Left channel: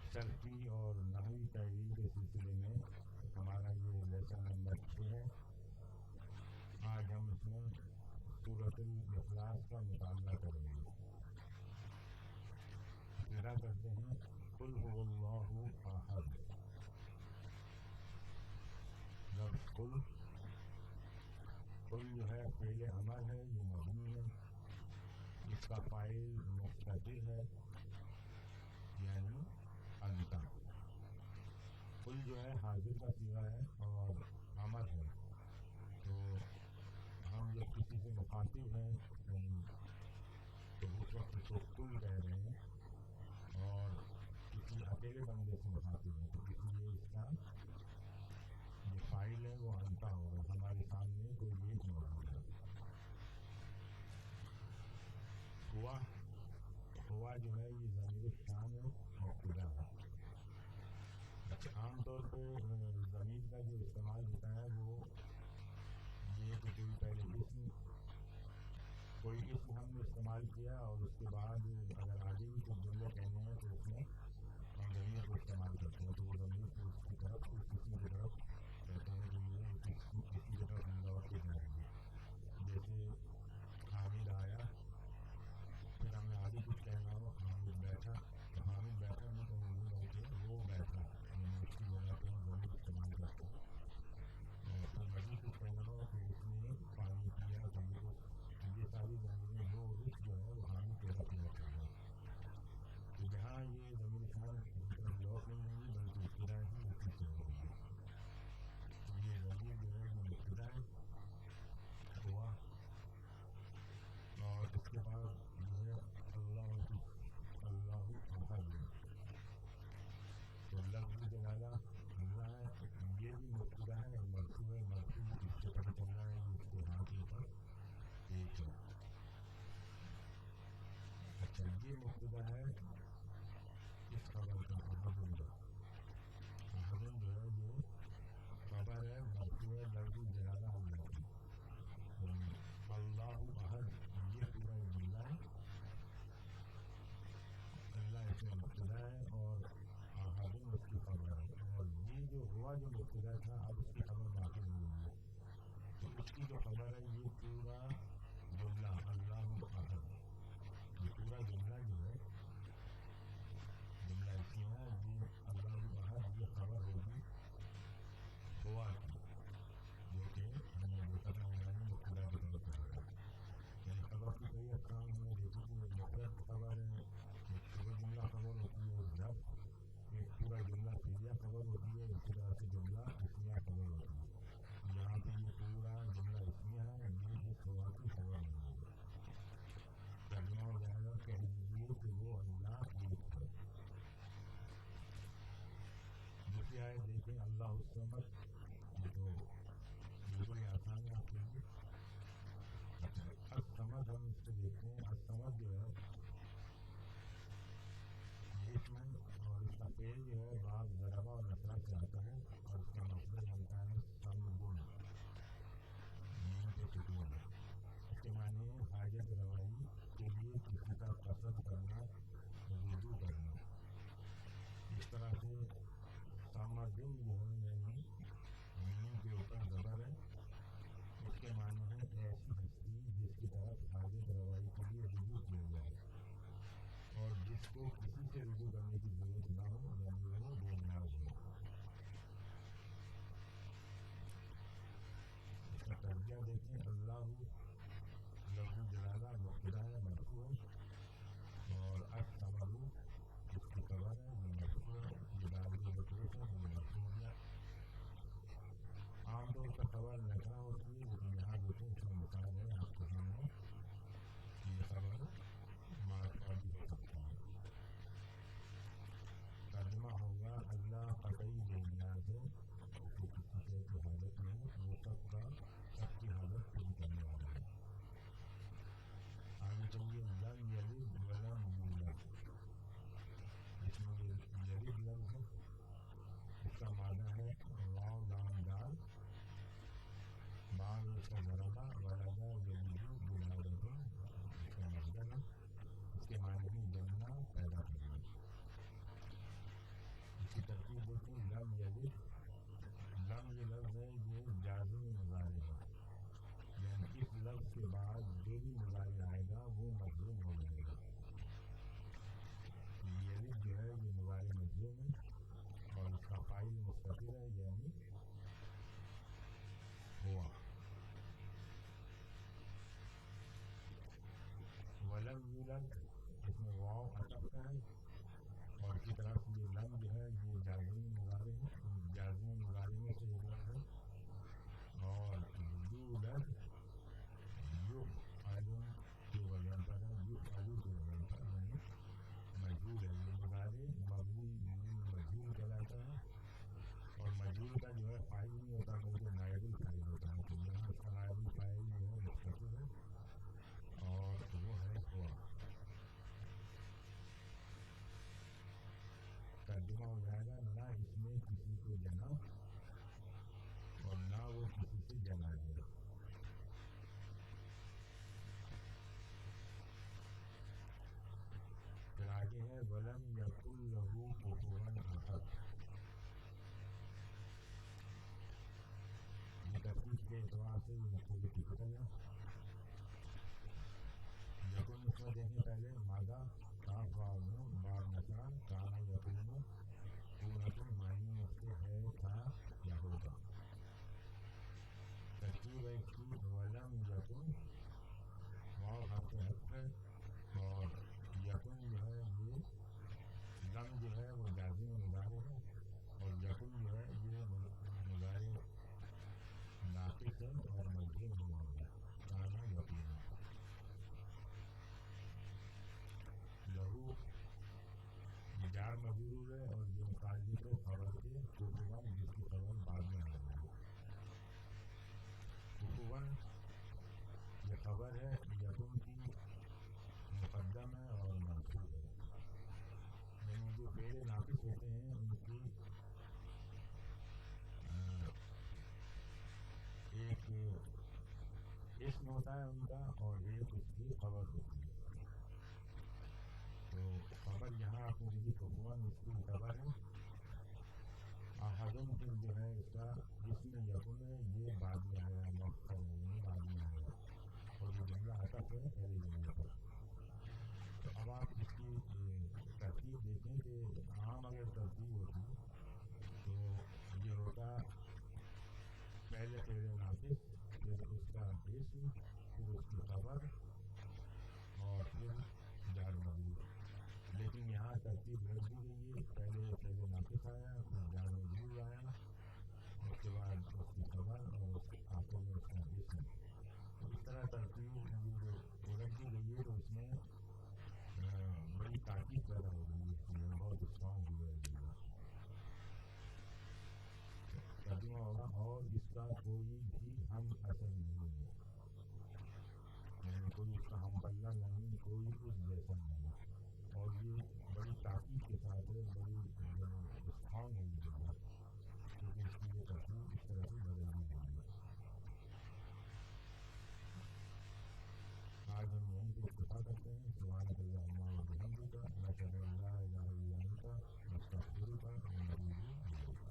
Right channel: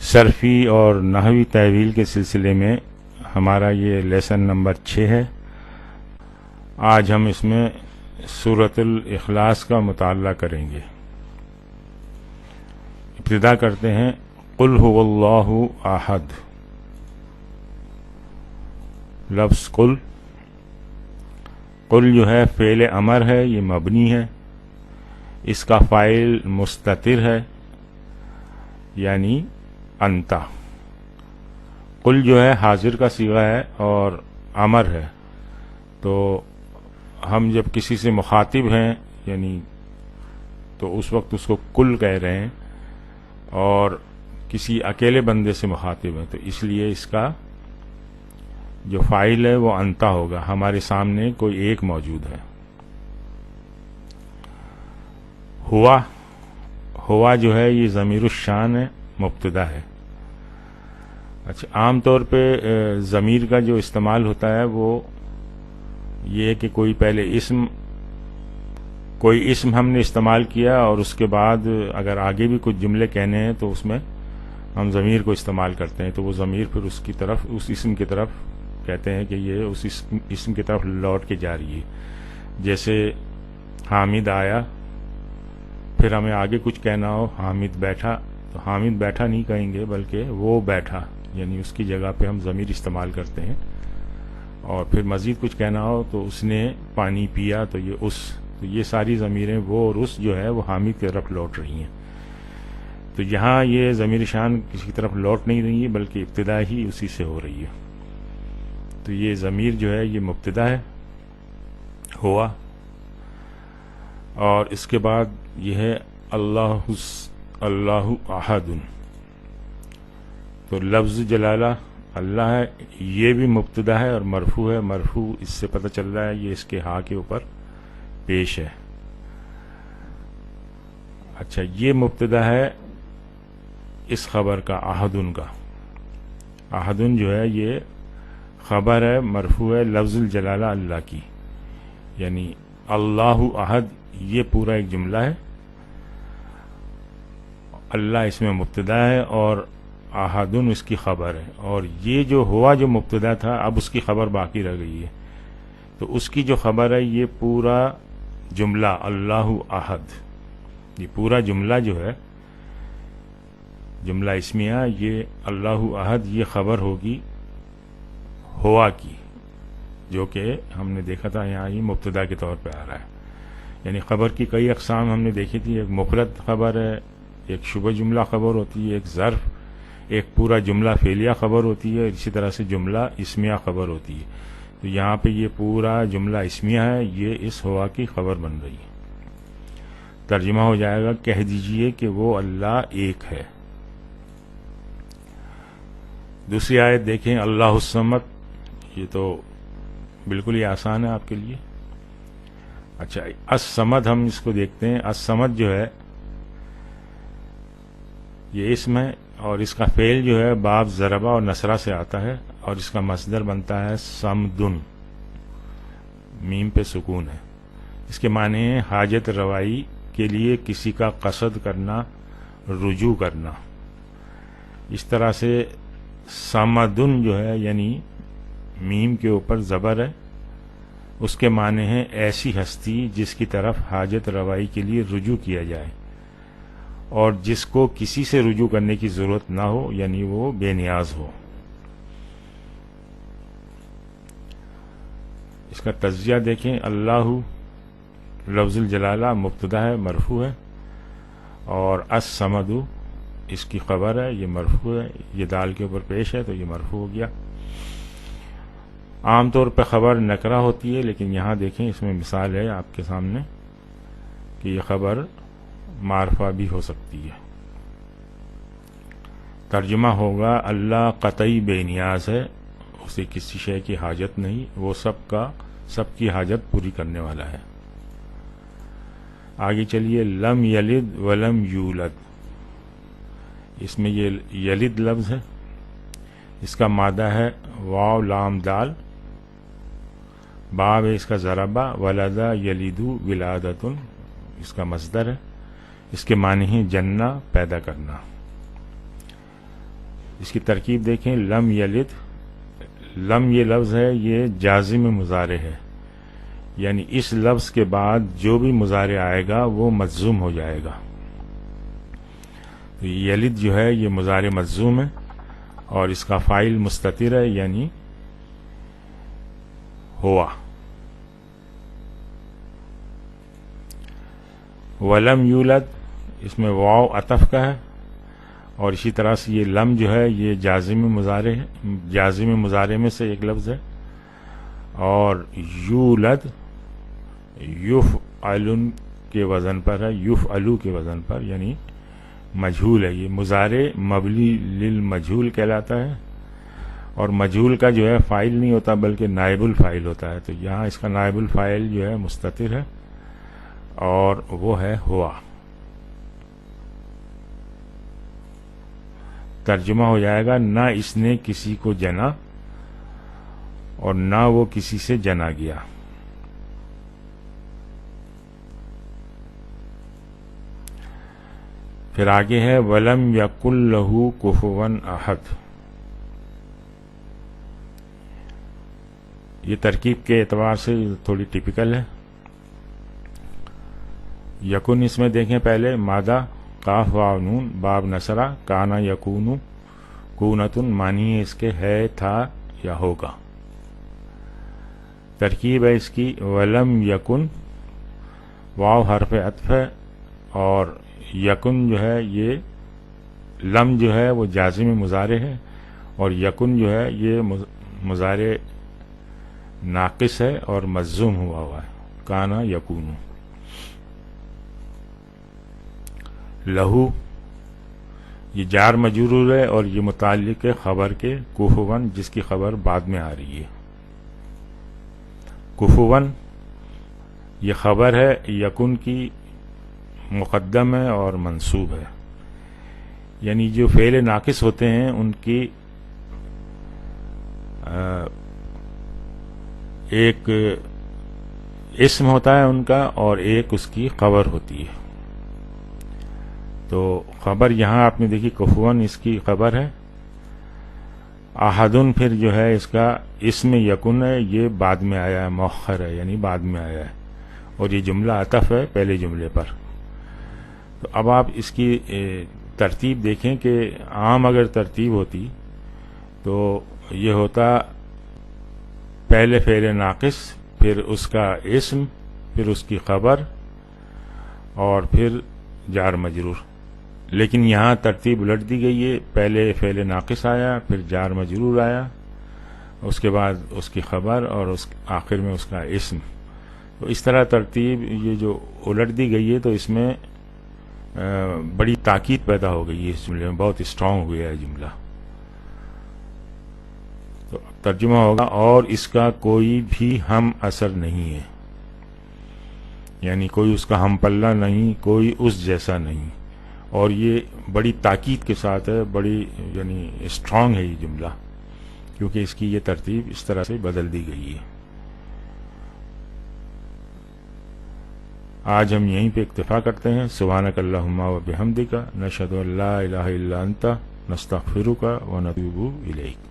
صرفی اور نحوی تحویل کے سلسلے میں ہمارا یہ لیسن نمبر 6 ہے۔ آج ہم اس میں سورۃ الاخلاص کا مطالعہ کریں گے۔ ابتدا کرتے ہیں قل هو اللہ احد۔ لفظ قل جو ہے فعل امر ہے، یہ مبنی ہے، اس کا فاعل مستتر ہے یعنی انتا۔ قل جو ہے حاضر کا صیغہ ہے اور امر ہے، تو ہم جب کسی سے مخاطب ہیں یعنی تو اس وقت اس کو قل کہہ رہے ہیں، اور کسی اکیلے بندے سے مخاطب ہیں تو اس لیے اس کا جو فاعل ہے وہ انتا ہوگا، ہمارے سامنے کوئی ایک موجود ہے۔ ہوا جو ہے یہ ضمیر الشان ہے، مبتدا ہے۔ اچھا، عام طور پہ ضمیر کا جو استعمال ہوتا ہے وہ یہ ہے کہ کوئی اسم ہم نے استعمال کیا اور اس کے بعد اگر آگے بھی کچھ جملے کہنے ہیں تو اس میں ہم ضمیر کو استعمال کرتے ہیں، تو وہ ضمیر پھر اس اسم کی طرف کہتے ہیں کہ یہ اس اسم کی طرف لوٹ کے جا رہی ہے۔ جیسے حامد آیا، پھر ہمیں آگے کچھ کہنا ہو حامد بیٹھا، تو حامد بیٹھا نہیں کہیں گے بلکہ وہ بیٹھا، یعنی اس کی جگہ پہ ہم ضمیر استعمال کرتے ہیں۔ اور پھر مزید کچھ کہنا ہو تو اس نے پانی پیا، تو یہ ساری ضمیریں وہ اور اس جو ہے وہ حامد کی طرف لوٹ رہی ہیں۔ تو یہاں یہ ضمیر شان کسی کی طرف لوٹ نہیں رہی ہے بلکہ ابتدا ہی اسی سے ہو رہی ہے۔ تو یہ ضمیر جو ہے یہ مبتدا ہے ہوا، اور اس کے بعد یہ ہے اللہ احد۔ تو لفظ جلالہ اللہ ہے، یہ بھی مبتدا ہے اور مرفوع ہے۔ مرفوع اس سے پتہ چل رہا ہے یہ اس کے ہاں کے اوپر پیش ہے۔ اچھا، یہ مبتدا ہے اس خبر کا، احدن کا۔ احدن جو ہے یہ خبر ہے، مرفوع ہے لفظ الجلالہ اللہ کی، یعنی اللہ احد یہ پورا ایک جملہ ہے، اللہ اس میں مبتدا ہے اور احدن اس کی خبر ہے، اور یہ جو ہوا جو مبتدا تھا اب اس کی خبر باقی رہ گئی ہے، تو اس کی جو خبر ہے یہ پورا جملہ اللہ احد، یہ پورا جملہ جو ہے جملہ اسمیہ، یہ اللہ احد یہ خبر ہوگی ہوا کی، جو کہ ہم نے دیکھا تھا یہاں یہ مبتدا کے طور پہ آ رہا ہے۔ یعنی خبر کی کئی اقسام ہم نے دیکھی تھی، ایک مفرد خبر ہے، ایک شبہ جملہ خبر ہوتی ہے، ایک ظرف، ایک پورا جملہ فعلیہ خبر ہوتی ہے، اسی طرح سے جملہ اسمیہ خبر ہوتی ہے۔ تو یہاں پہ یہ پورا جملہ اسمیہ ہے، یہ اس ہوا کی خبر بن رہی ہے۔ ترجمہ ہو جائے گا کہہ دیجئے کہ وہ اللہ ایک ہے۔ دوسری آیت دیکھیں اللہ الصمد، یہ تو بالکل ہی آسان ہے آپ کے لیے۔ اچھا، الصمد ہم اس کو دیکھتے ہیں۔ الصمد جو ہے یہ اسم ہے، اور اس کا فعل جو ہے باب ضربہ اور نصرہ سے آتا ہے، اور اس کا مصدر بنتا ہے صمدن، میم پہ سکون ہے۔ اس کے معنی ہے حاجت روائی کے لیے کسی کا قصد کرنا، رجوع کرنا۔ اس طرح سے صمدن جو ہے یعنی میم کے اوپر زبر ہے، اس کے معنی ہے ایسی ہستی جس کی طرف حاجت روائی کے لیے رجوع کیا جائے اور جس کو کسی سے رجوع کرنے کی ضرورت نہ ہو، یعنی وہ بے نیاز ہو۔ اس کا تجزیہ دیکھیں، اللہ لفظ الجلالہ مبتدا ہے، مرفوع ہے، اور الصمد اس کی خبر ہے، یہ مرفوع ہے، یہ دال کے اوپر پیش ہے تو یہ مرفوع ہو گیا۔ عام طور پہ خبر نکرہ ہوتی ہے، لیکن یہاں دیکھیں اس میں مثال ہے آپ کے سامنے کہ یہ خبر معرفہ بھی ہو سکتی ہے۔ ترجمہ ہوگا اللہ قطعی بے نیاز ہے، اسے کسی شے کی حاجت نہیں، وہ سب کی حاجت پوری کرنے والا ہے۔ آگے چلیے لم یلد ولم یولد، اس میں یہ یلد لفظ ہے، اس کا مادہ ہے واو لام دال، باب ہے اس کا ضربہ، ولدا یلیدو ولادتن اس کا مصدر ہے، اس کے معنی ہیں جننا پیدا کرنا۔ اس کی ترکیب دیکھیں، لم یلد، لم یہ لفظ ہے یہ جازم مضارع ہے، یعنی اس لفظ کے بعد جو بھی مضارع آئے گا وہ مجزوم ہو جائے گا. تو یلد جو ہے یہ مضارع مجزوم ہے اور اس کا فاعل مستتر ہے یعنی ہوا. ولم یولد، اس میں واو عطف کا ہے، اور اسی طرح سے یہ لم جو ہے یہ جازم مضارع ہے، جازم مضارع میں سے ایک لفظ ہے. اور یولد یفعل کے وزن پر ہے، یفعلو کے وزن پر، یعنی مجہول ہے. یہ مضارع مبنی للمجہول کہلاتا ہے، اور مجہول کا جو ہے فاعل نہیں ہوتا بلکہ نائب الفاعل ہوتا ہے. تو یہاں اس کا نائب الفاعل جو ہے مستتر ہے اور وہ ہے ہوا. ترجمہ ہو جائے گا، نہ اس نے کسی کو جنا اور نہ وہ کسی سے جنا گیا. پھر آگے ہے وَلَمْ يَكُنْ لَهُ كُفُوًا أَحَدٌ. یہ ترکیب کے اعتبار سے تھوڑی ٹپیکل ہے. یکن اس میں دیکھیں پہلے مادہ قاف واو نون باب نصرہ کانا یکونو کونتن، معنی ہے اس کے ہے، تھا یا ہوگا. ترکیب ہے اس کی ولم یکن، واو حرف عطف ہے، اور یکن جو ہے یہ لم جو ہے وہ جازم مضارع ہے، اور یکن جو ہے یہ مضارع ناقص ہے اور مجزوم ہوا ہے، کانا یکونو. لہو یہ جار مجرور ہے اور یہ متعلق ہے خبر کے کفون، جس کی خبر بعد میں آ رہی ہے. کفون یہ خبر ہے یکن کی، مقدم ہے اور منصوب ہے. یعنی جو فعل ناقص ہوتے ہیں ان کی ایک اسم ہوتا ہے ان کا اور ایک اس کی خبر ہوتی ہے. تو خبر یہاں آپ نے دیکھی کفون اس کی خبر ہے. احدن پھر جو ہے اس کا اسم یکن ہے، یہ بعد میں آیا ہے، مؤخر ہے یعنی بعد میں آیا ہے، اور یہ جملہ عطف ہے پہلے جملے پر. تو اب آپ اس کی ترتیب دیکھیں کہ عام اگر ترتیب ہوتی تو یہ ہوتا پہلے فعل ناقص، پھر اس کا اسم، پھر اس کی خبر، اور پھر جار مجرور. لیکن یہاں ترتیب الٹ دی گئی ہے، پہلے فعل ناقص آیا، پھر جار مجرور آیا، اس کے بعد اس کی خبر، اور اس آخر میں اس کا اسم. تو اس طرح ترتیب یہ جو الٹ دی گئی ہے تو اس میں بڑی تاکید پیدا ہو گئی ہے، اس جملے میں بہت اسٹرانگ ہو گیا ہے جملہ. تو ترجمہ ہوگا اور اس کا کوئی بھی ہم اثر نہیں ہے، یعنی کوئی اس کا ہم پلہ نہیں، کوئی اس جیسا نہیں. اور یہ بڑی تاکید کے ساتھ ہے، بڑی یعنی اسٹرانگ ہے یہ جملہ، کیونکہ اس کی یہ ترتیب اس طرح سے بدل دی گئی ہے. آج ہم یہیں پہ اکتفا کرتے ہیں. سبحانک اللہم و بحمدک، نشہد ان لا الہ الا انت، نستغفرک و نتوب الیک.